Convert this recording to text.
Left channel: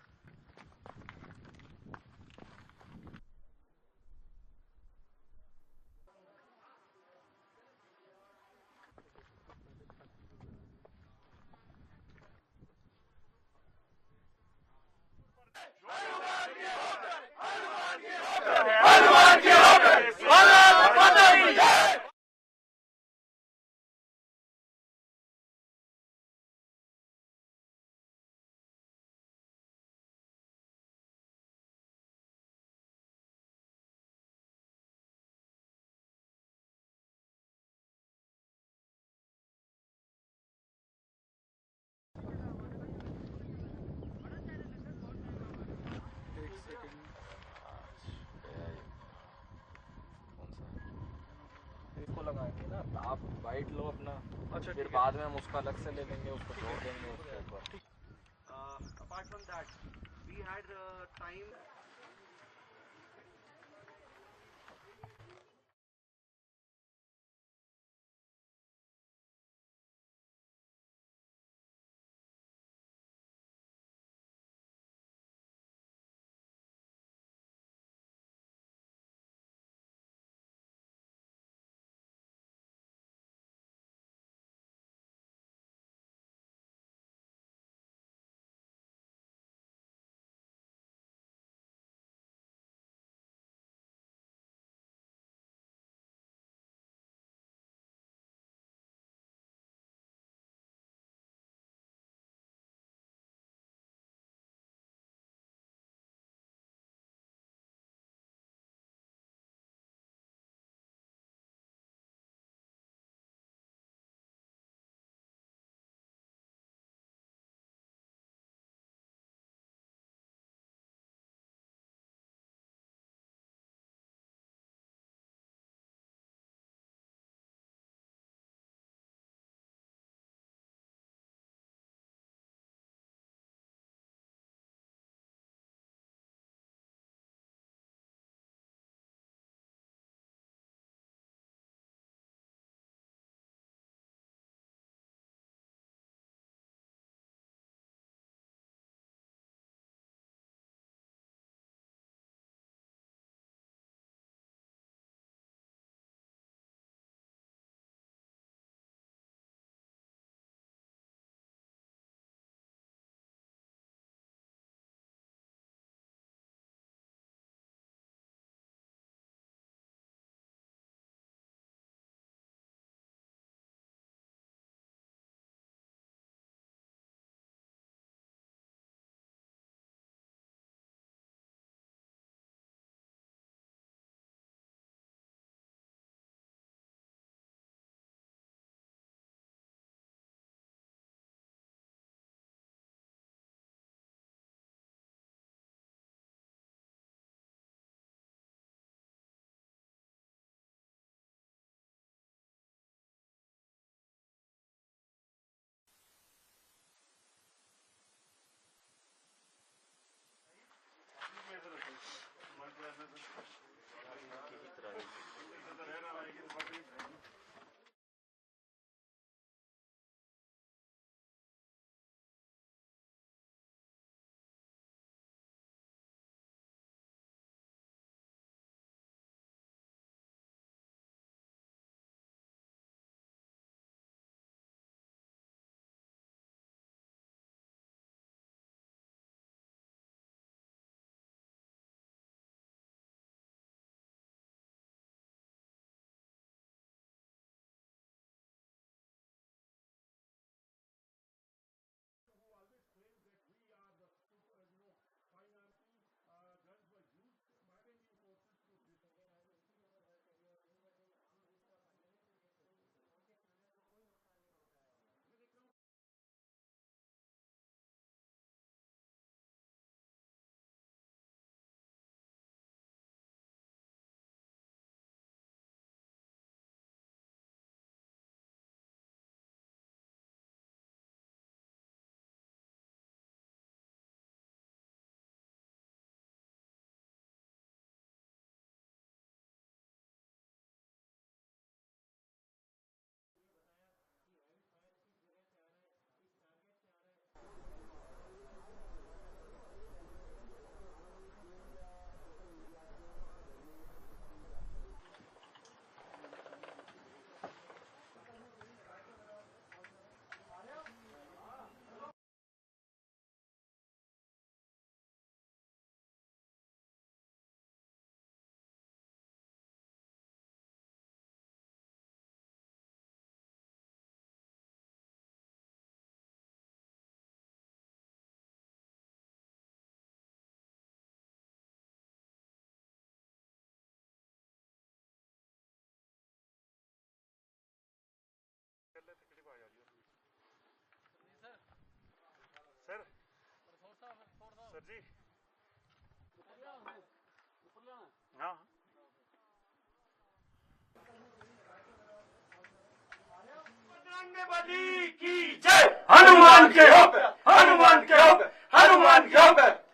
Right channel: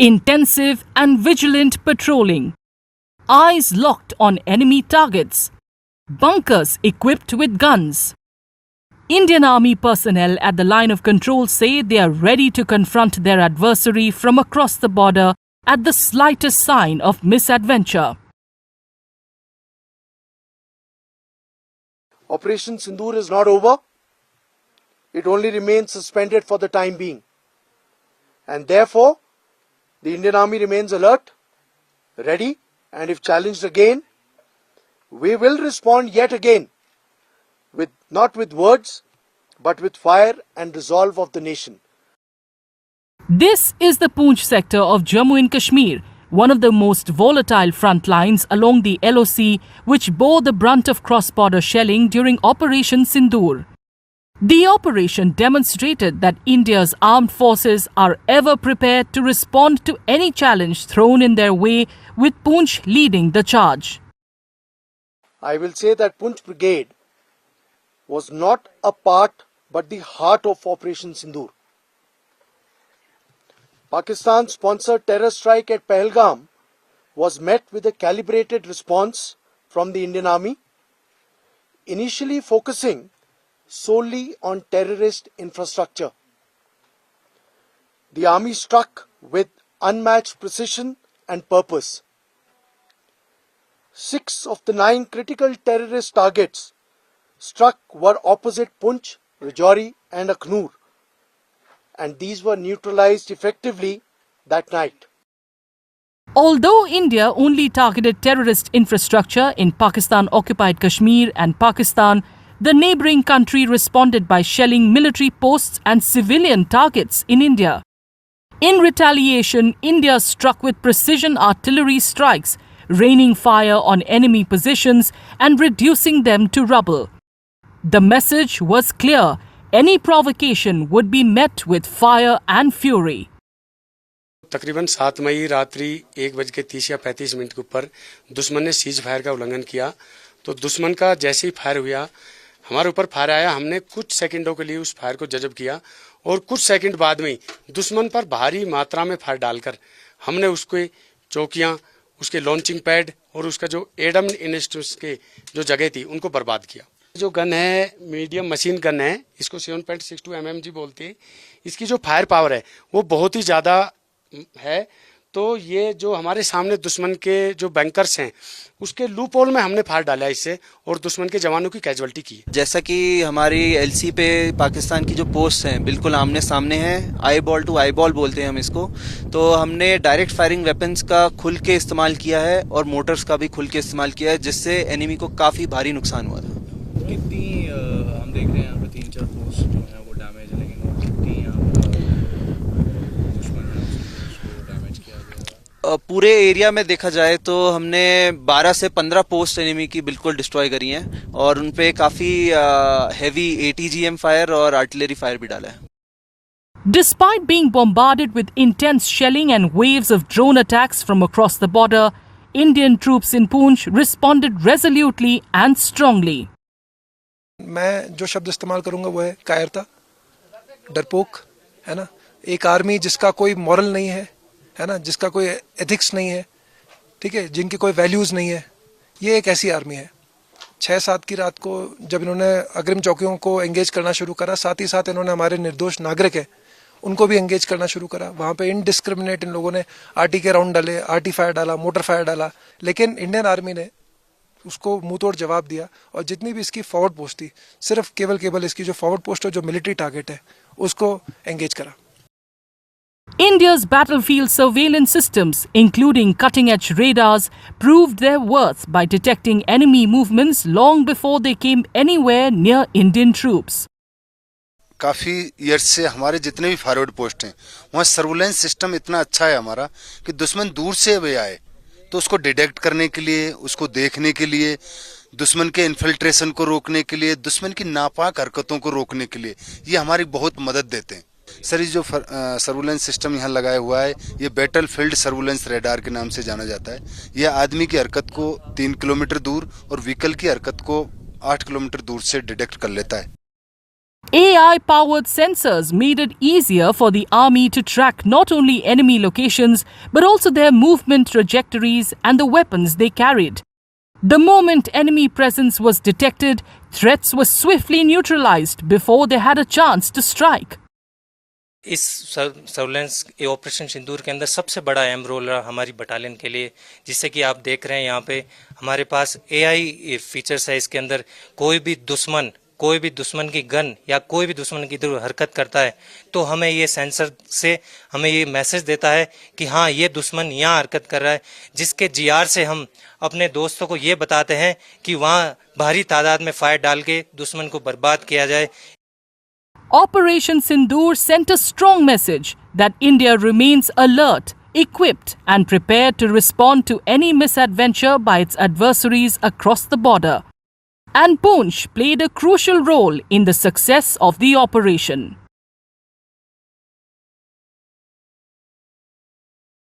Intensive and vigilant patrolling. Eyes locked on enemy targets. Bunkers equipped with guns. Indian Army personnel at the line of control say they are ready to confront their adversary from across the border at the slightest sign of misadventure. Operation Sindoor is not over. It only remains suspended for the time being. And therefore, the Indian Army remains alert, ready, and if challenged again, we will respond yet again, not with words, but with fire and resolve of the nation. This is the Poonch sector of Jammu and Kashmir, one of the most volatile front lines along the LOC, which bore the brunt of cross-border shelling during Operation Sindoor. The operation demonstrated that India's armed forces are ever prepared to respond to any challenge thrown in their way, with Poonch leading the charge. I will say that Poonch Brigade was not a part but the heart of Operation Sindoor. Pakistan's sponsored terror strike at Pahalgam was met with a calibrated response from the Indian Army, initially focusing solely on terrorist infrastructure. The Army struck with unmatched precision and purpose. 6 of the 9 critical terrorist targets struck were opposite Poonch, Rajouri and Akhnur, and these were neutralized effectively that night. Although India only targeted terrorist infrastructure in Pakistan-occupied Kashmir and Pakistan, the neighbouring country responded by shelling military posts and civilian targets in India. In retaliation, India struck with precision artillery strikes, raining fire on enemy positions and reducing them to rubble. The message was clear: any provocation would be met with fire and fury. तकरीबन 7 मई रात्रि 1:30 या 35 मिनट के ऊपर दुश्मन ने cease fire का उल्लंघन किया। तो दुश्मन का जैसे ही फायर हुआ, हमारे ऊपर फायर आया। हमने कुछ सेकंडों के लिए उस फायर को जज़ब किया और कुछ सेकंड बाद में दुश्मन पर भारी मात्रा में फायर डालकर हमने उसके चौकियां, उसके लॉन्चिंग पैड और उसका जो एडम इंस्ट्रूमेंट्स के जो जगह थी उनको बर्बाद किया। जो गन है मीडियम मशीन गन है, इसको 7.62 mmg बोलते हैं। इसकी जो फायर पावर है वो बहुत ही ज़्यादा है। तो ये जो हमारे सामने दुश्मन के जो बैंकर्स हैं उसके लूप होल में हमने फायर डाला इससे और दुश्मन के जवानों की कैजुअल्टी की। जैसा कि हमारी LC पे पाकिस्तान की जो पोस्ट हैं बिल्कुल आमने सामने हैं, eyeball to eyeball बोलते हैं हम इसको। तो हमने डायरेक्ट फायरिंग वेपन्स का खुल के इस्तेमाल किया है और मोटर्स का भी खुल के इस्तेमाल किया है, जिससे एनिमी को काफ़ी भारी नुकसान हुआ था। कितनी हम देख रहे हैं यहाँ पे 3-4 पोस्ट जो हैं वो डैमेज है, लेकिन वो कितनी यहाँ दुश्मन है उसको डैमेज किया गया? पूरे एरिया में देखा जाए तो हमने 12 से 15 पोस्ट एनिमी की बिल्कुल डिस्ट्रॉय करी हैं और उन पे काफ़ी हेवी ATGM फायर और आर्टिलरी फायर भी डाला है। Despite being bombarded with intense shelling and waves of drone attacks from across the border, Indian troops in Poonch responded resolutely and strongly. मैं जो शब्द इस्तेमाल करूंगा वो है कायरता, डरपोक, है ना। एक आर्मी जिसका कोई मॉरल नहीं है ना, जिसका कोई एथिक्स नहीं है, ठीक है, जिनकी कोई वैल्यूज़ नहीं है, ये एक ऐसी आर्मी है। 6-7 की रात को जब इन्होंने अग्रिम चौकियों को एंगेज करना शुरू करा, साथ ही साथ इन्होंने हमारे निर्दोष नागरिक हैं उनको भी एंगेज करना शुरू करा। वहाँ पे इनडिस्क्रिमिनेट इन लोगों ने RT के राउंड डाले, RT फायर डाला, मोटर फायर डाला, लेकिन इंडियन आर्मी ने उसको मुंह तोड़ जवाब दिया और जितनी भी इसकी फॉरवर्ड पोस्ट थी, सिर्फ केवल इसकी जो फॉरवर्ड पोस्ट है, जो मिलिट्री टारगेट है, उसको एंगेज करा। India's battlefield surveillance systems, including cutting-edge radars, proved their worth by detecting enemy movements long before they came anywhere near Indian troops. काफ़ी ईयर्स से हमारे जितने भी फॉरवर्ड पोस्ट हैं वहाँ सर्विलेंस सिस्टम इतना अच्छा है हमारा कि दुश्मन दूर से वे आए तो उसको डिटेक्ट करने के लिए, उसको देखने के लिए, दुश्मन के इन्फिल्ट्रेशन को रोकने के लिए, दुश्मन की नापाक हरकतों को रोकने के लिए ये हमारी बहुत मदद देते हैं। सर, ये जो सर्विलेंस सिस्टम यहाँ लगाया हुआ है ये बैटल फील्ड सर्विलेंस रेडार के नाम से जाना जाता है। यह आदमी की हरकत को 3 किलोमीटर दूर और व्हीकल की हरकत को 8 किलोमीटर दूर से डिटेक्ट कर लेता है। AI-powered sensors made it easier for the army to track not only enemy locations but also their movement trajectories and the weapons they carried. The moment enemy presence was detected, threats were swiftly neutralized before they had a chance to strike. इस surveillance operation सिंदूर के अंदर सबसे बड़ा अहम रोल रहा हमारी बटालियन के लिए, जिससे कि आप देख रहे हैं यहाँ पे हमारे पास AI फीचर्स है। इसके अंदर कोई भी दुश्मन की गन या कोई भी दुश्मन की इधर हरकत करता है तो हमें ये सेंसर से हमें ये मैसेज देता है कि हाँ ये दुश्मन यहाँ हरकत कर रहा है, जिसके GR से हम अपने दोस्तों को ये बताते हैं कि वहाँ भारी तादाद में फायर डाल के दुश्मन को बर्बाद किया जाए। Operation Sindoor sent a strong message that India remains alert, equipped and prepared to respond to any misadventure by its adversaries across the border. And Poonch played a crucial role in the success of the operation. Hanuman ke hope, Hanuman ke hope, Hanuman ke hope.